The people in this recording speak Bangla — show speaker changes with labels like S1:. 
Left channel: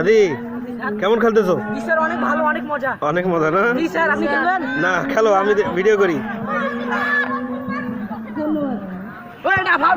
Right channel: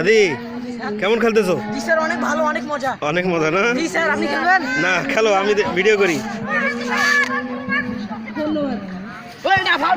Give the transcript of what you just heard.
S1: আদি কেমন খেলতেছো?
S2: অনেক ভালো অনেক মজা।
S1: অনেক মজা না?
S2: স্যার আপনি
S1: না খেলো আমি ভিডিও করি।
S3: ধন্যবাদ